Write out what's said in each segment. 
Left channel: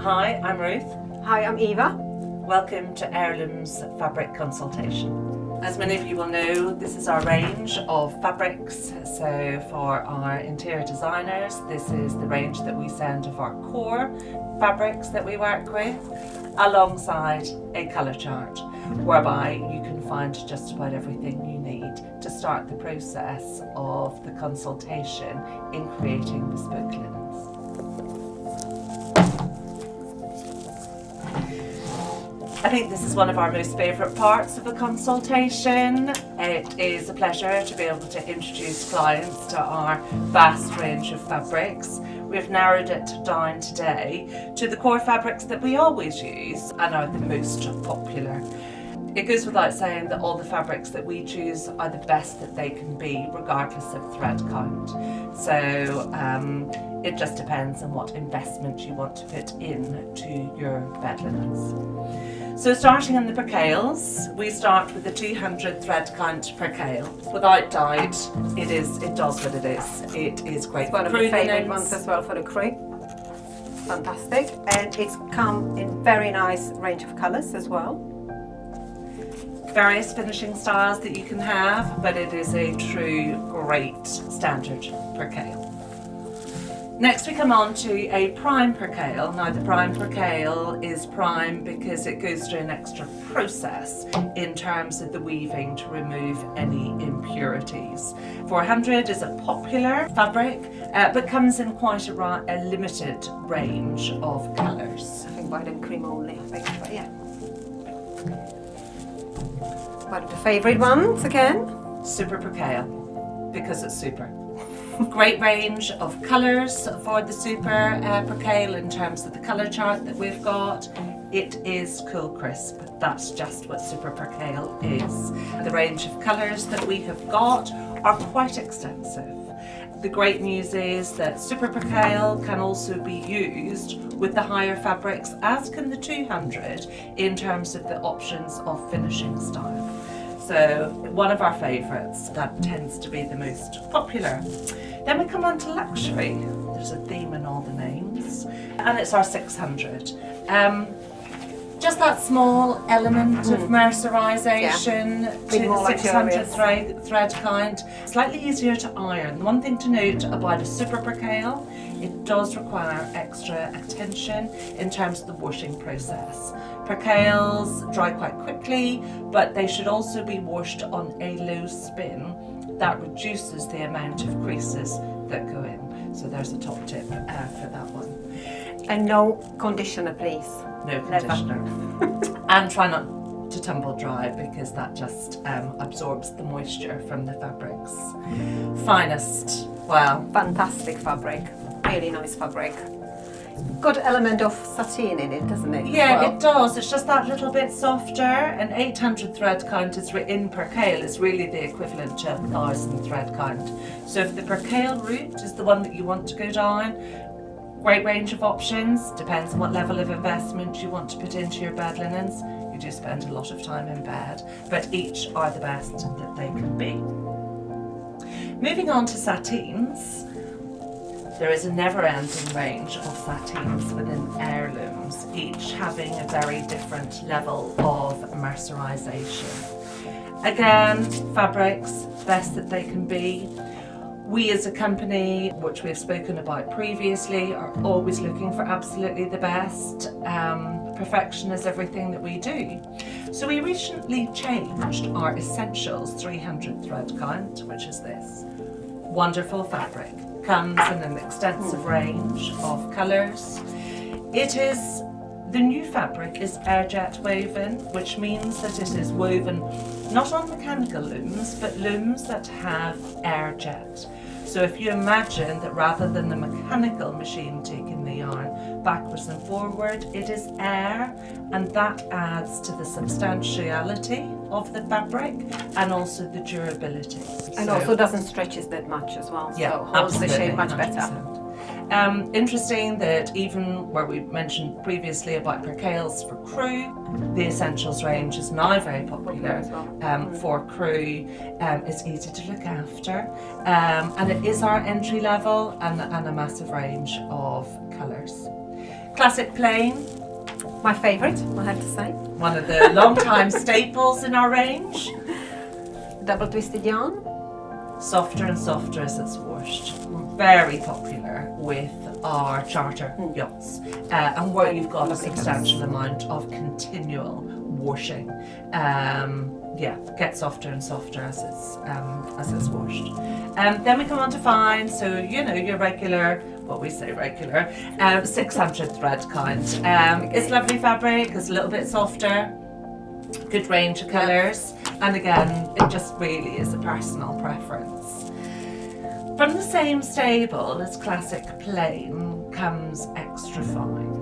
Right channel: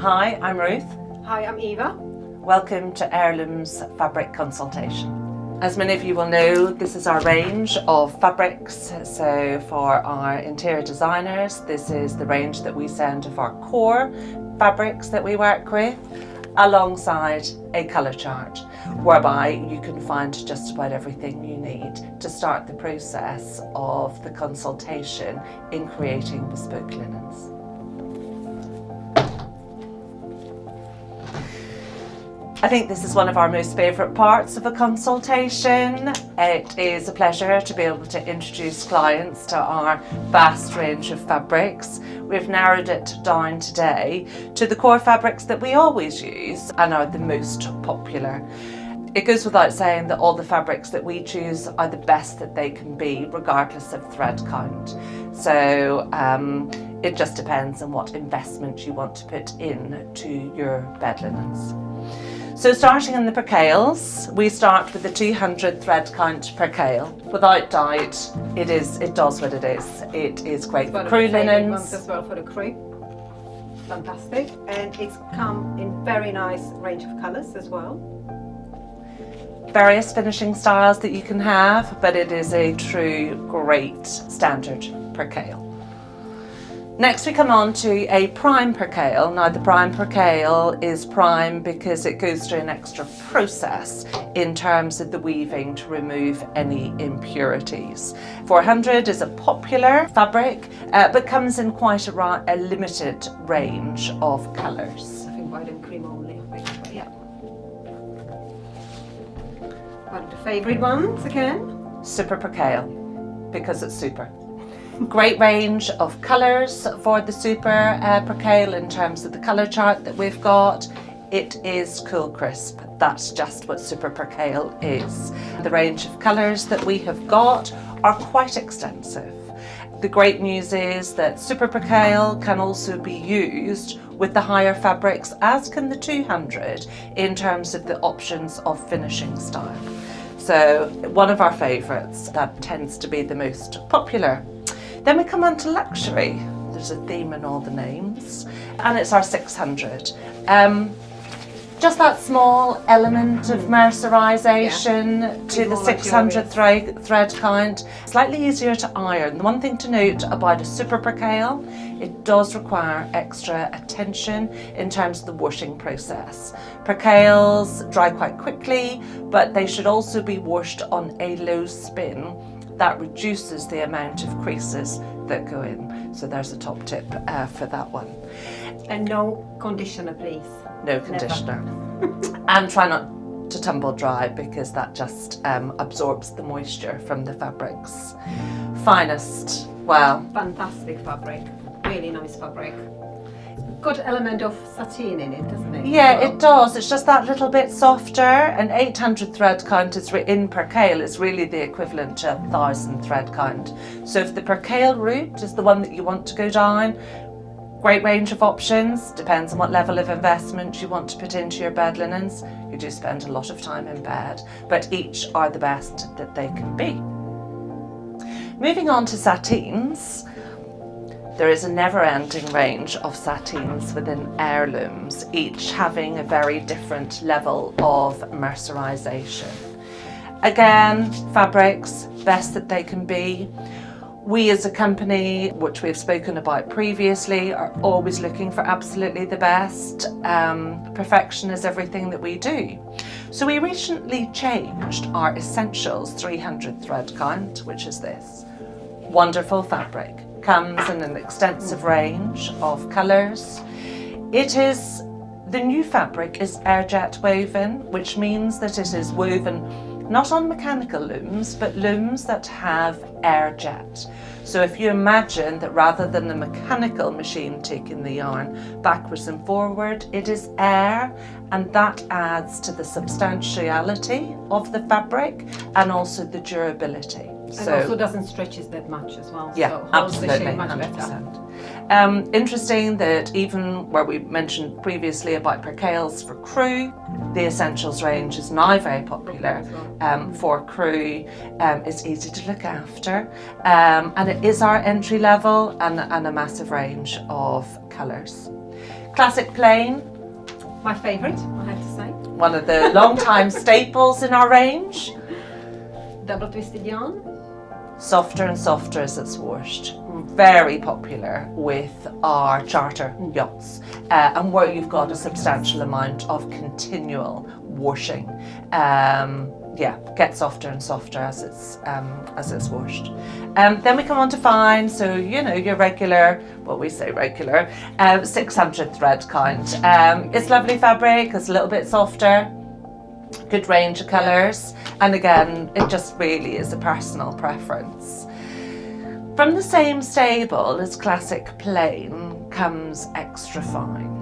Hi, I'm Ruth. Hi, I'm Eva. Welcome to Heirlooms Fabric Consultation. As many of you will know, this is our range of fabrics. So for our interior designers, this is the range that we send of our core fabrics that we work with, alongside a colour chart, whereby you can find just about everything you need to start the process of the consultation in creating bespoke linens. I think this is one of our most favourite parts of a consultation. It is a pleasure to be able to introduce clients to our vast range of fabrics. We've narrowed it down today to the core fabrics that we always use and are the most popular. It goes without saying that all the fabrics that we choose are the best that they can be, regardless of thread count. So it just depends on what investment you want to put into your bed linens. So starting in the percales, we start with the 200 thread count percale. Without doubt, it does what it is. It is great for crew linens. Ones as well for the crew. Fantastic. And it's come in very nice range of colours as well. Various finishing styles that you can have, but it is a true great standard percale. Next we come on to a prime percale. Now the prime percale is prime because it goes through an extra process in terms of the weaving to remove any impurities. 400 is a popular fabric, but comes in quite a limited range of colours. I think white and cream only, yeah. One of the favourite ones again? Super percale, because it's super. Great range of colours for the super percale in terms of the colour chart that we've got. It is cool crisp. That's just what super percale is. The range of colours that we have got are quite extensive. The great news is that super percale can also be used with the higher fabrics, as can the 200, in terms of the options of finishing style. So one of our favourites, that tends to be the most popular. Then we come on to luxury. There's a theme in all the names, and it's our 600. Just that small element of mercerisation to the 600 thread count. Slightly easier to iron. The one thing to note about a super percale, it does require extra attention in terms of the washing process. Percales dry quite quickly, but they should also be washed on a low spin. That reduces the amount of creases that go in. So there's a top tip for that one. And no conditioner, please. No conditioner. And try not to tumble dry, because that just absorbs the moisture from the fabrics. Finest, well. Fantastic fabric, really nice fabric. Good element of sateen in it, doesn't it? Yeah, it does. It's just that little bit softer. An 800 thread count is in percale is really the equivalent to 1,000 thread count. So if the percale route is the one that you want to go down, great range of options. Depends on what level of investment you want to put into your bed linens. You do spend a lot of time in bed, but each are the best that they can be. Moving on to sateens. There is a never-ending range of sateens within Heirlooms, each having a very different level of mercerisation. Again, fabrics, best that they can be. We as a company, which we've spoken about previously, are always looking for absolutely the best. Perfection is everything that we do. So we recently changed our Essentials 300 thread count, which is this. Wonderful fabric. Comes in an extensive range of colours. The new fabric is airjet woven, which means that it is woven not on mechanical looms, but looms that have airjet. So if you imagine that rather than the mechanical machine taking the yarn backwards and forward, it is air, and that adds to the substantiality of the fabric and also the durability. And also doesn't stretch that much as well, yeah, so holds the shape much 100%. better. Interesting that even where we mentioned previously about percales for crew, the Essentials range is now very popular for crew. It's easy to look after, and it is our entry level and a massive range of colours. Classic plain, My favourite, I have to say. one of the long-time staples in our range. Double twisted yarn. Softer and softer as it's washed. Very popular with our charter yachts, and where you've got a substantial amount of continual washing. Yeah, get softer and softer as it's washed. Then we come on to fine, so you know your regular, what we say regular, 600 thread kind. It's lovely fabric, it's a little bit softer, good range of colours, and again, it just really is a personal preference. From the same stable as classic plain comes extra fine.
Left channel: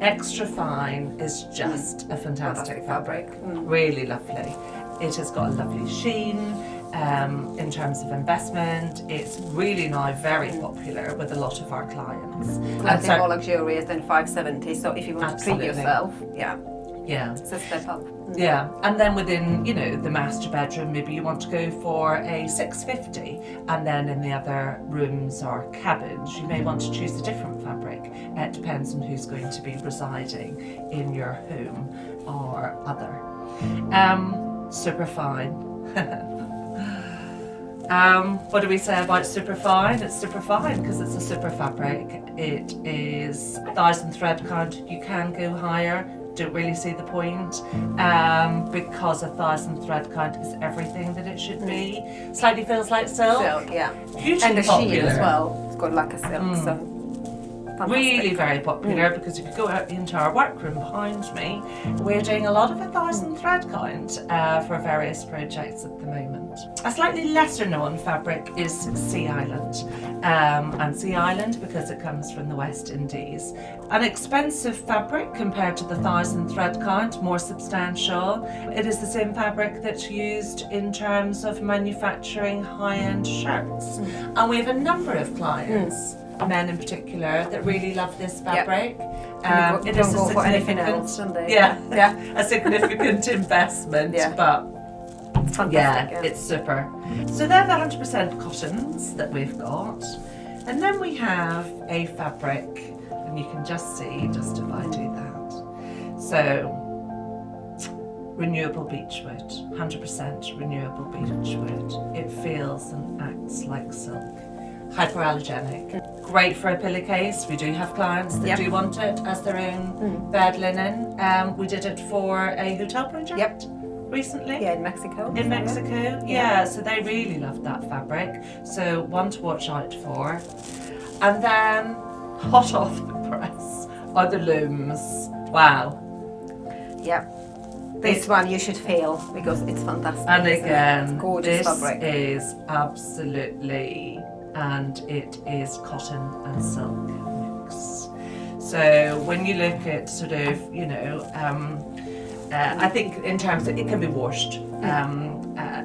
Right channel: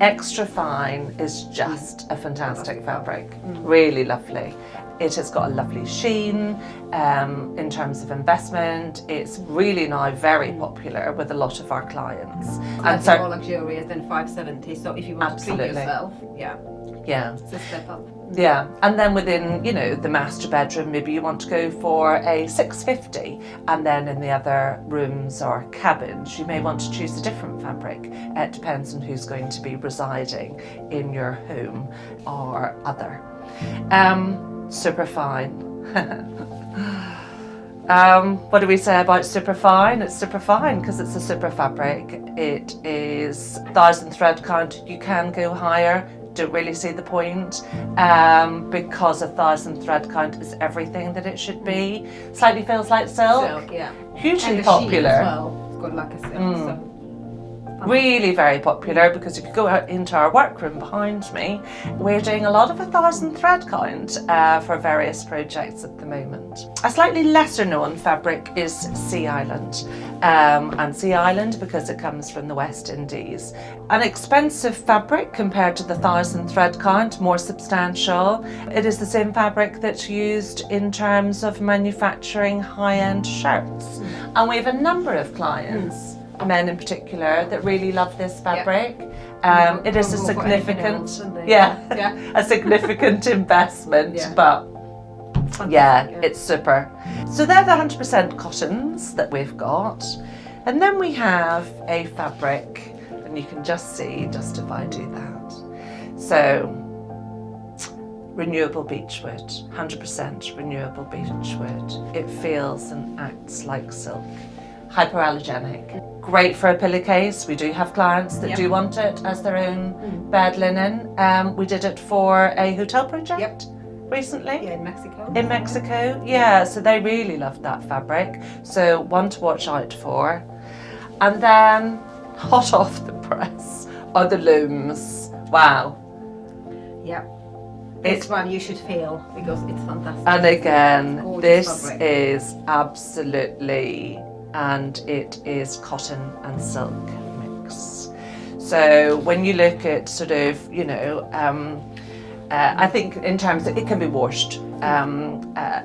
Extra fine is just a fantastic fabric, really lovely. It has got a lovely sheen in terms of investment. It's really now very popular with a lot of our clients. I think more luxurious than 570, so if you want to treat yourself, yeah, it's a step up. Yeah, and then within, you know, the master bedroom, maybe you want to go for a 650, and then in the other rooms or cabins, you may want to choose a different fabric. It depends on who's going to be residing in your home or other. Super fine. What do we say about super fine? It's super fine because it's a super fabric. It is 1,000 thread count. You can go higher. Don't really see the point because 1,000 thread count is everything that it should be. Slightly feels like silk. Silk, yeah. Hugely and the popular. sheen as well. It's got like a silk, so really very popular because if you go out into our workroom behind me, we're doing a lot of 1,000 thread count for various projects at the moment. A slightly lesser known fabric is Sea Island, and Sea Island because it comes from the West Indies. An expensive fabric compared to the 1,000 thread count, more substantial. It is the same fabric that's used in terms of manufacturing high-end shirts, and we have a number of clients, men in particular, that really love this fabric. It is a significant, a significant investment, but it's super. So they're the 100% cottons that we've got, and then we have a fabric, and you can just see just if I do that. So renewable beechwood, 100% renewable beechwood. It feels and acts like silk. Hypoallergenic. Great for a pillowcase. We do have clients that do want it as their own bed linen. We did it for a hotel project recently. Yeah, in Mexico. In Mexico, yeah. So they really loved that fabric. So one to watch out for. And then hot off the press are the looms. Wow. Yeah. This one you should feel because it's fantastic. And again, this fabric. is absolutely, and it is cotton and silk mix. So when you look at sort of, you know, I think in terms of it can be washed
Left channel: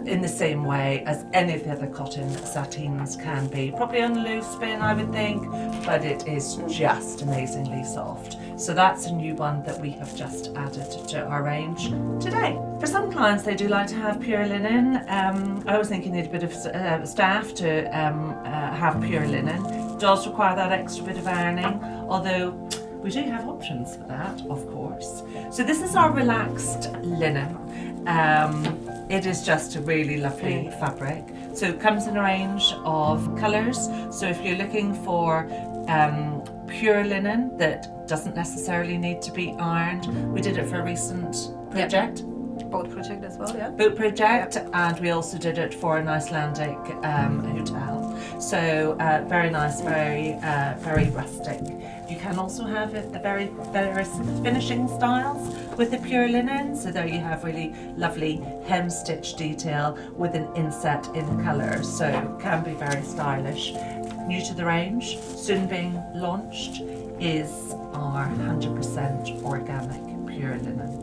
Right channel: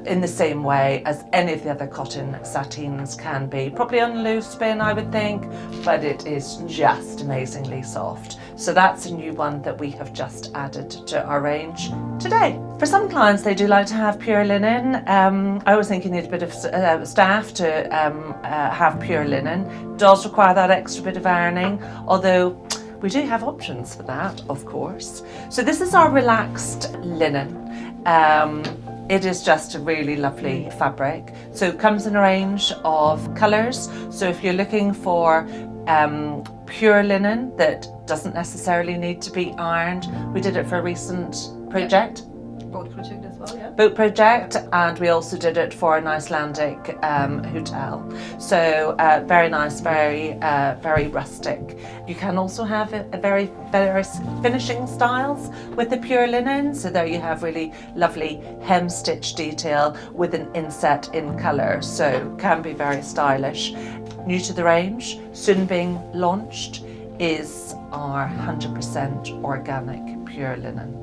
in the same way as any of the other cotton sateens can be. Probably on a loose spin, I would think, but it is just amazingly soft. So that's a new one that we have just added to our range today. For some clients, they do like to have pure linen. I always think you need a bit of staff to have pure linen. It does require that extra bit of ironing, although we do have options for that, of course. So this is our relaxed linen. It is just a really lovely fabric. So it comes in a range of colours. So if you're looking for pure linen that doesn't necessarily need to be ironed, we did it for a recent project. Boat project as well, yeah. Boat project, and we also did it for an Icelandic hotel. So very nice, very rustic. You can also have various finishing styles with the pure linen. So there you have really lovely hem stitch detail with an inset in colour. So can be very stylish. New to the range, soon being launched, is our 100% organic pure linen.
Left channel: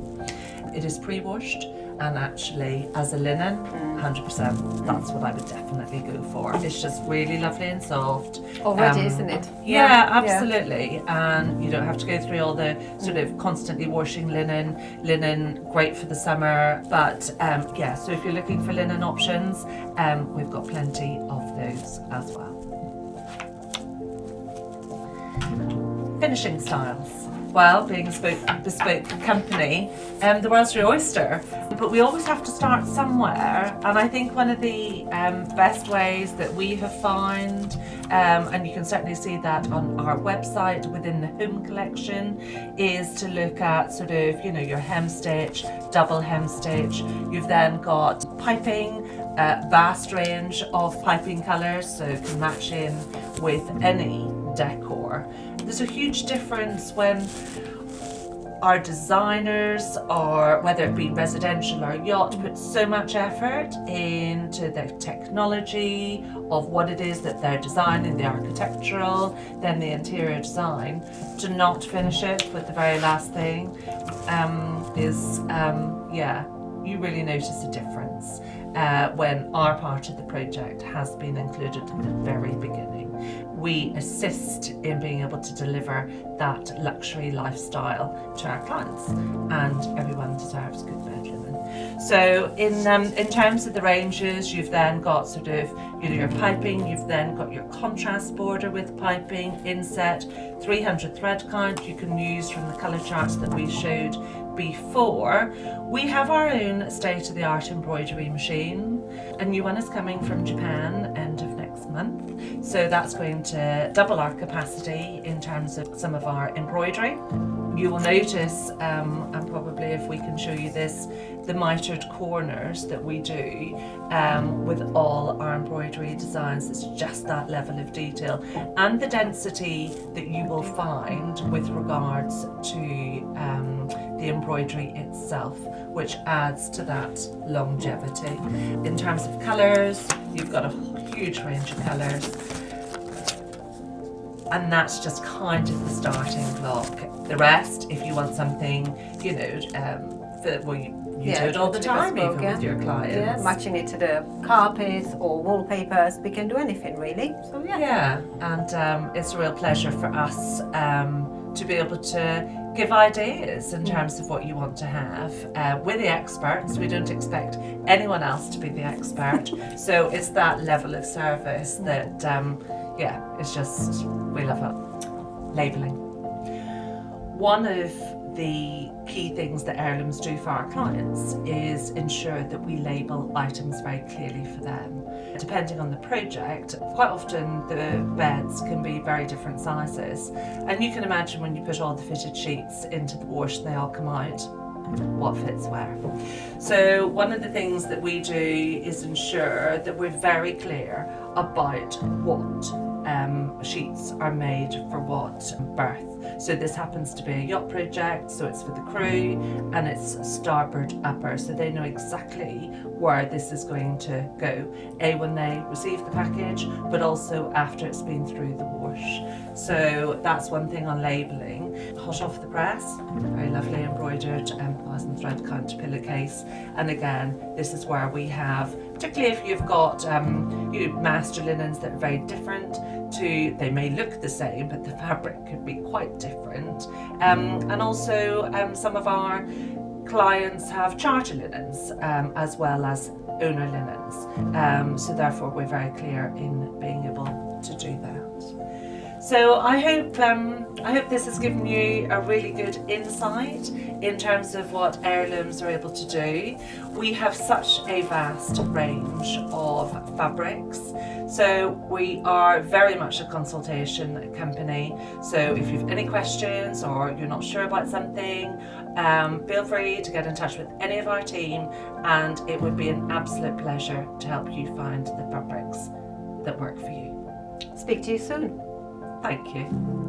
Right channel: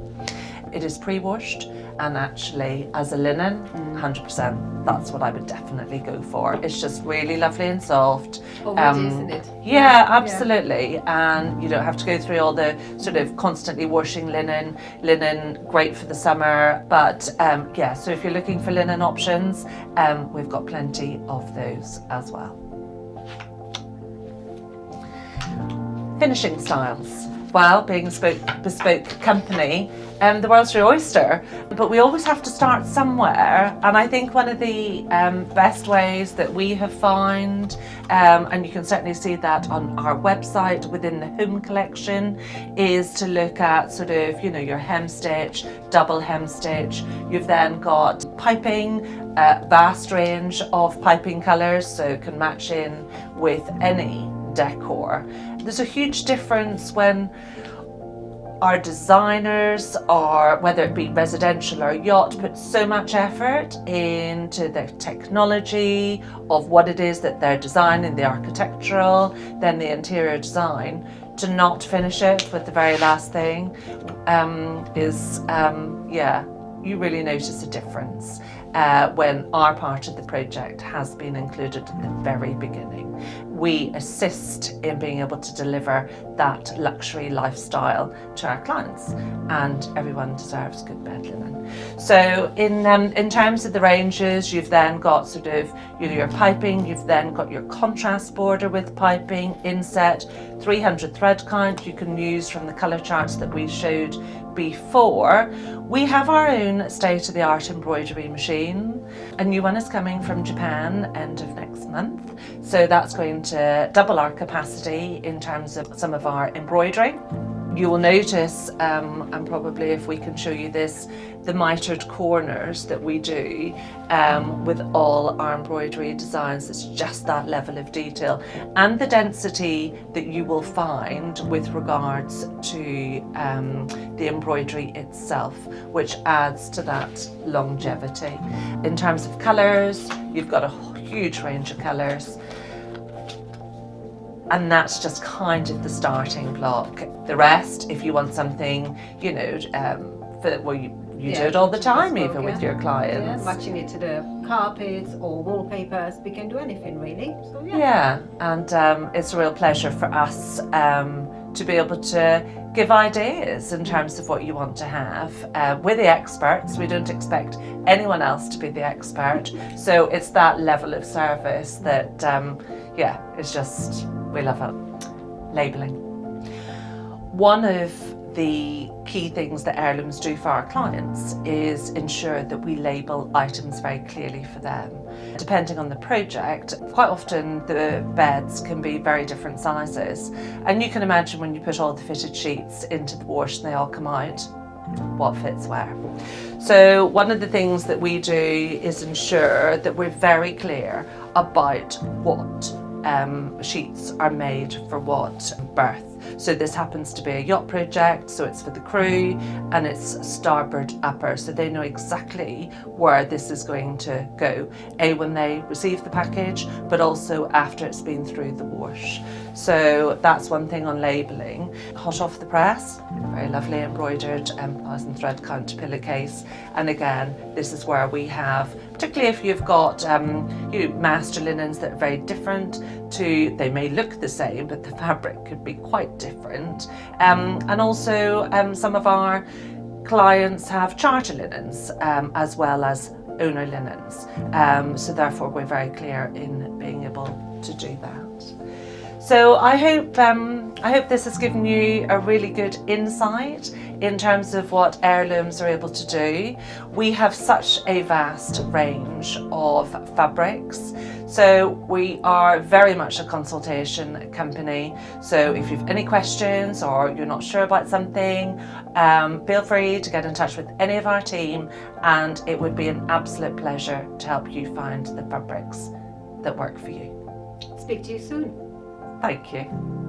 It is pre-washed, and actually as a linen, 100%, that's what I would definitely go for. It's just really lovely and soft. Already, isn't it? Yeah, absolutely. And you don't have to go through all the sort of constantly washing linen. Linen, great for the summer, but so if you're looking for linen options, we've got plenty of those as well. Finishing styles. Well, being a bespoke company, the world's your oyster, but we always have to start somewhere. And I think one of the best ways that we have found, and you can certainly see that on our website within the home collection, is to look at sort of, you know, your hem stitch, double hem stitch. You've then got piping, vast range of piping colours, so it can match in with any decor. There's a huge difference when our designers, or whether it be residential or yacht, put so much effort into the technology of what it is that they're designing, the architectural, then the interior design, to not finish it with the very last thing you really notice a difference when our part of the project has been included at the very beginning. We assist in being able to deliver that luxury lifestyle to our clients, and everyone deserves good bed linen. So in terms of the ranges, you've then got sort of, you know, your piping, you've then got your contrast border with piping, inset, 300 thread count you can use from the colour charts that we showed before. We have our own state-of-the-art embroidery machine. A new one is coming from Japan end of next month, so that's going to double our capacity in terms of some of our embroidery. You will notice, and probably if we can show you this, the mitered corners that we do with all our embroidery designs. It's just that level of detail and the density that you will find with regards to the embroidery itself, which adds to that longevity. In terms of colours, you've got a huge range of colours. And that's just kind of the starting block. The rest, if you want something, you know, you do it all the time, even with your clients. Yeah, matching it to the carpets or wallpapers, we can do anything really. So yeah, and it's a real pleasure for us to be able to give ideas in terms of what you want to have. We're the experts. We don't expect anyone else to be the expert. So it's that level of service that, it's just, we love it. Labelling. One of the key things that Heirlooms do for our clients is ensure that we label items very clearly for them. Depending on the project, quite often the beds can be very different sizes, and you can imagine when you put all the fitted sheets into the wash and they all come out, what fits where. So one of the things that we do is ensure that we're very clear about what sheets are made for what berth. So this happens to be a yacht project, so it's for the crew, and it's starboard upper, so they know exactly where this is going to go, when they receive the package, but also after it's been through the wash. So that's one thing on labelling. Hot off the press, very lovely embroidered 1,000 thread count pillowcase, and again, this is where we have, particularly if you've got master linens that are very different to, they may look the same, but the fabric could be quite different. And also some of our clients have charter linens as well as owner linens. So therefore we're very clear in being able to do that. So I hope this has given you a really good insight in terms of what Heirlooms are able to do. We have such a vast range of fabrics. So we are very much a consultation company. So if you've any questions or you're not sure about something, feel free to get in touch with any of our team, and it would be an absolute pleasure to help you find the fabrics that work for you. speak to you soon. Thank you.